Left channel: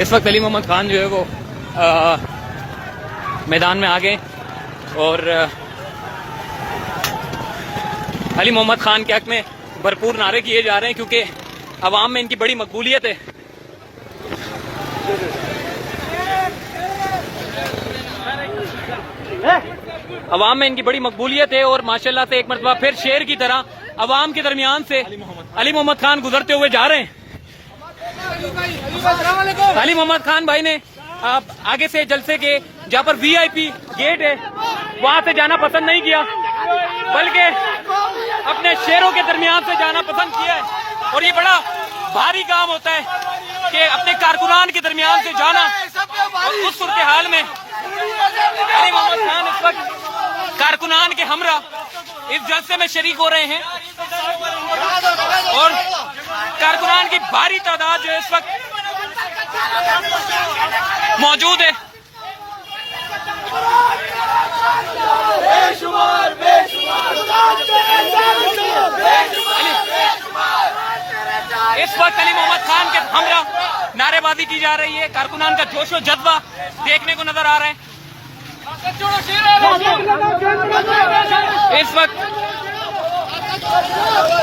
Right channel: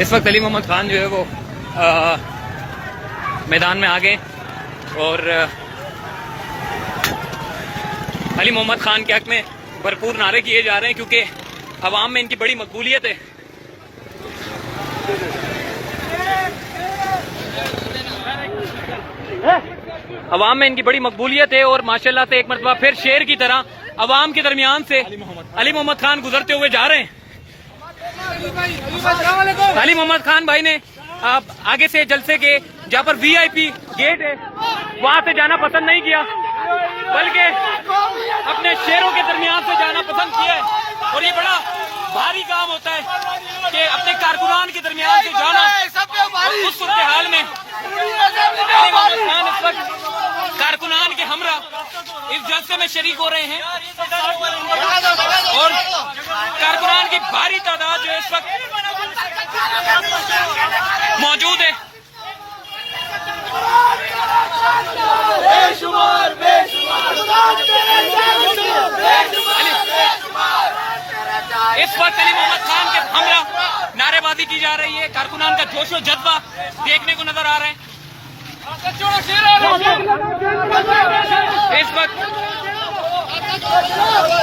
इस वक्त अली मोहम्मद खान जो है वो मैदान में आ गए और अली मोहम्मद खान के हक में भरपूर नारे किए जा रहे हैं क्योंकि अवाम में इनकी बड़ी मकबूलियत है। अवाम में इनकी बड़ी मकबूलियत है और माशाल्लाह से एक मरतबा फिर शेर की तरह अवाम के दरमियान से अली मोहम्मद खान गुजरते हुए जा रहे हैं। अली मोहम्मद खान भाई ने आप आगे से जलसे के जहाँ पर वीआईपी गेट है वहां से जाना पसंद नहीं किया, बल्कि अपने शेरों के दरमियान से जाना पसंद किया है। और ये बड़ा भारी काम होता है कि अपने कारकुनान के दरमियान से जाना। और उस सूरत हाल में अली मोहम्मद खान इस वक्त कारकुनान के हमरा इस जलसे में शरीक हो रहे हैं और कारकुनान की भारी तादाद जो इस वक्त मौजूद है। इस वक्त अली मोहम्मद खान के हमरा नारेबाजी की जा रही है, कारकुनान का जोश और जज्बा देखने को नजर आ रहा है। इस वक्त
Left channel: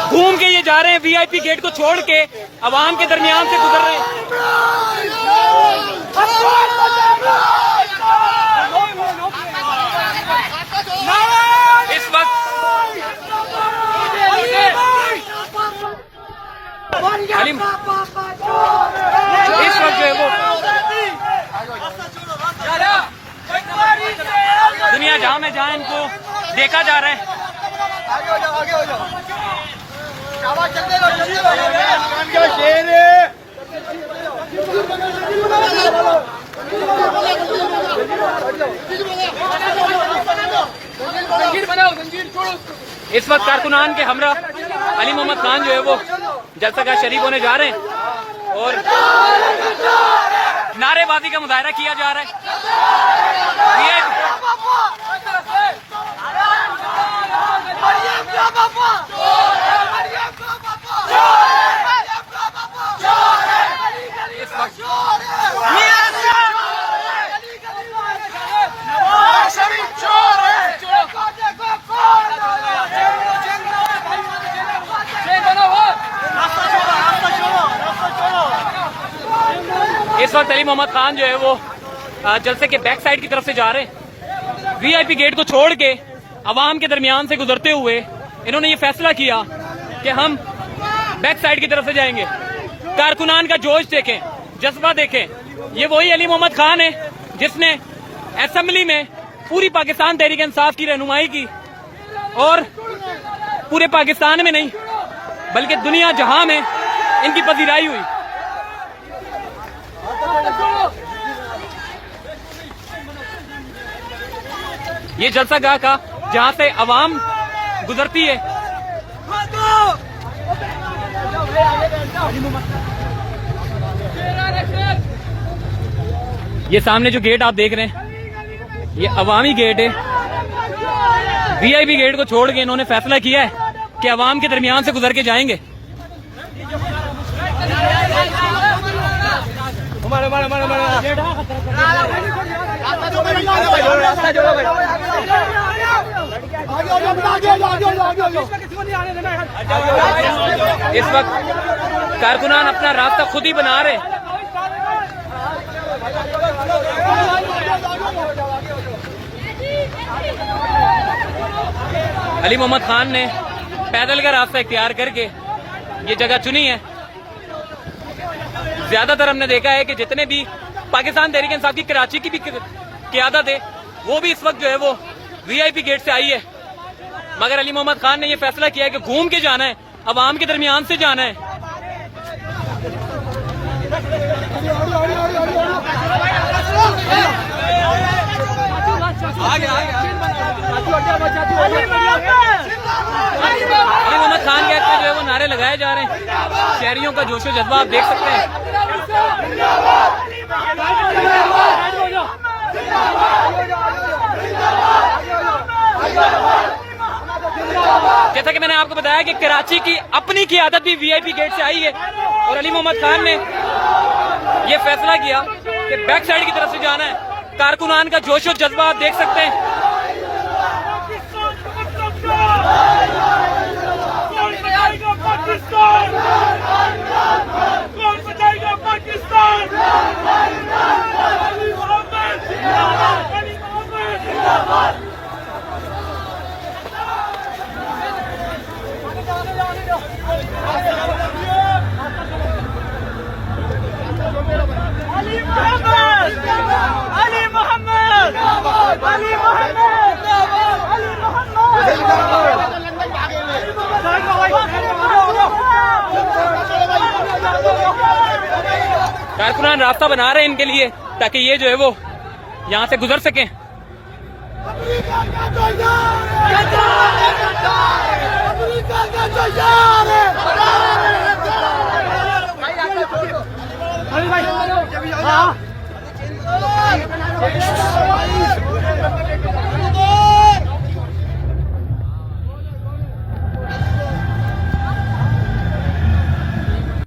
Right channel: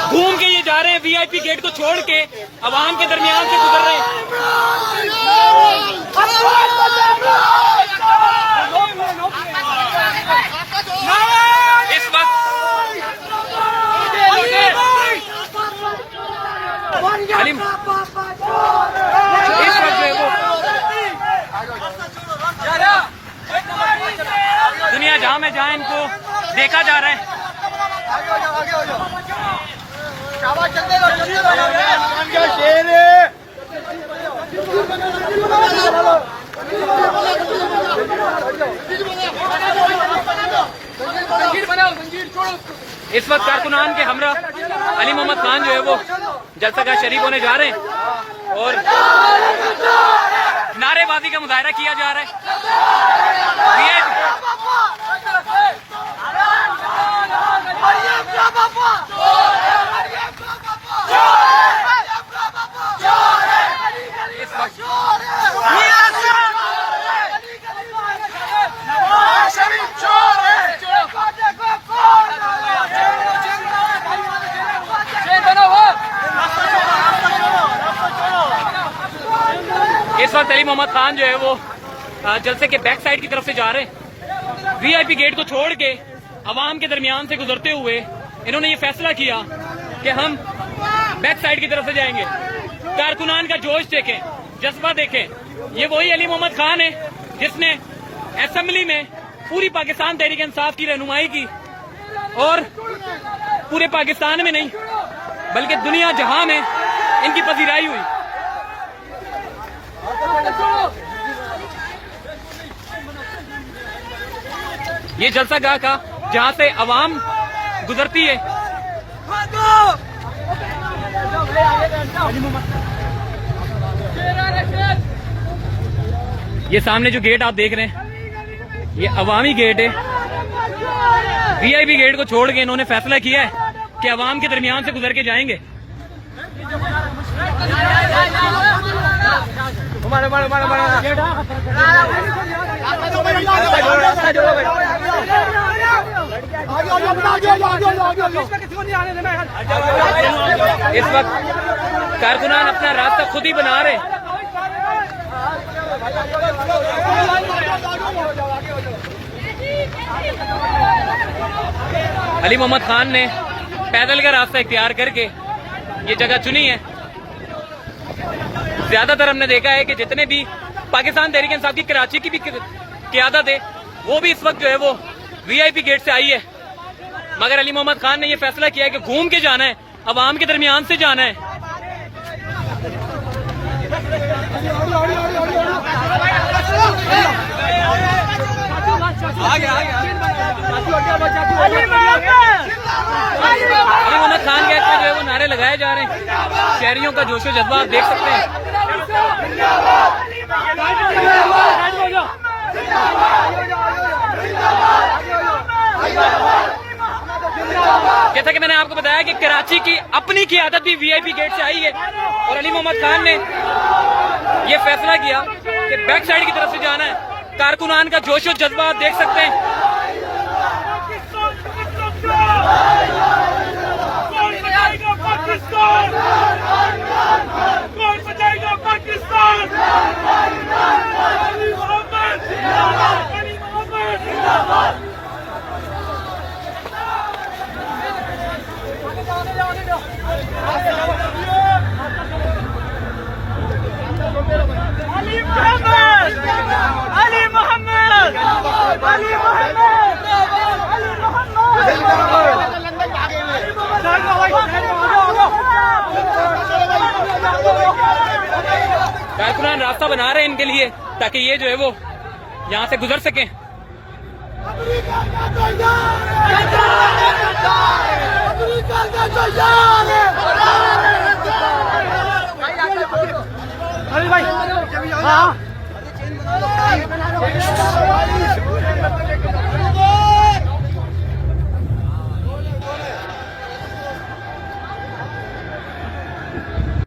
घूम के ये जा रहे हैं, वीआईपी गेट को छोड़ के अवाम के दरमियान से गुजर रहे हैं। इस वक्त जो है वो दुनिया जहां में जहां इनको देखा जा रहा है। इस वक्त कारकुनान के हमरा अली मोहम्मद खान जो है वो जलसा का शरीक होने जा रहे हैं और नारेबाजी का मुजाहरा किया जा रहा है। इस वक्त अली मोहम्मद खान जो है वो जलसे के बैक साइड की तरफ से जा रहे हैं। वीआईपी गेट को छोड़ के अवाम के दरमियान से गुजरते हुए इन्होंने ये फैसला किया कि हम बैक साइड की तरफ से जाएंगे। कारकुनान का जोश देखें, जज्बा देखें। ये वही अली मोहम्मद खान है जिसने असेंबली में पूरी पाकिस्तान तहरीक इंसाफ की रहनुमाई की और पूरे पाकिस्तान में नहीं बल्कि दुनिया जहां में इनकी पजीराई हुई। ये जलसा गाह का जहां से अवाम गुजरती है। ये सामने जो गेट आप देख रहे हैं ये अवामी गेट है। वीआईपी गेट को छोड़ के इन्होंने फैसला किया है कि अवाम के दरमियान से गुजर के जाएंगे। इस वक्त कारकुनान अपना रास्ता खुद ही बना रहे हैं। अली मोहम्मद खान ने पैदल का रास्ता इख्तियार करके ये जगह चुनी है। ज्यादातर हमने देखा है कि जितने भी पाकिस्तान तहरीक इंसाफ की कराची की भी क़यादत है वो भी इस वक्त जो है वो वीआईपी गेट से आई है, मगर अली मोहम्मद खान ने ये फैसला किया है कि घूम के जाना है, अवाम के दरमियान से जाना है। अली मोहम्मद खान के जो है वो नारे लगाए जा रहे हैं। शहरियों का जोश जज्बा आप देख सकते हैं। जैसा कि मैंने आपको बताया कि कराची की अपनी क़यादत भी वीआईपी गेट से आई है और अली मोहम्मद खान ने ये फैसला किया कि बैक साइड की तरफ से जाना है। कारकुनान का जोश और जज्बा आप देख सकते हैं। कारकुनान रास्ता बना रहे हैं इनके लिए ताकि ये जो है वो यहाँ से गुजर सकें। हाँ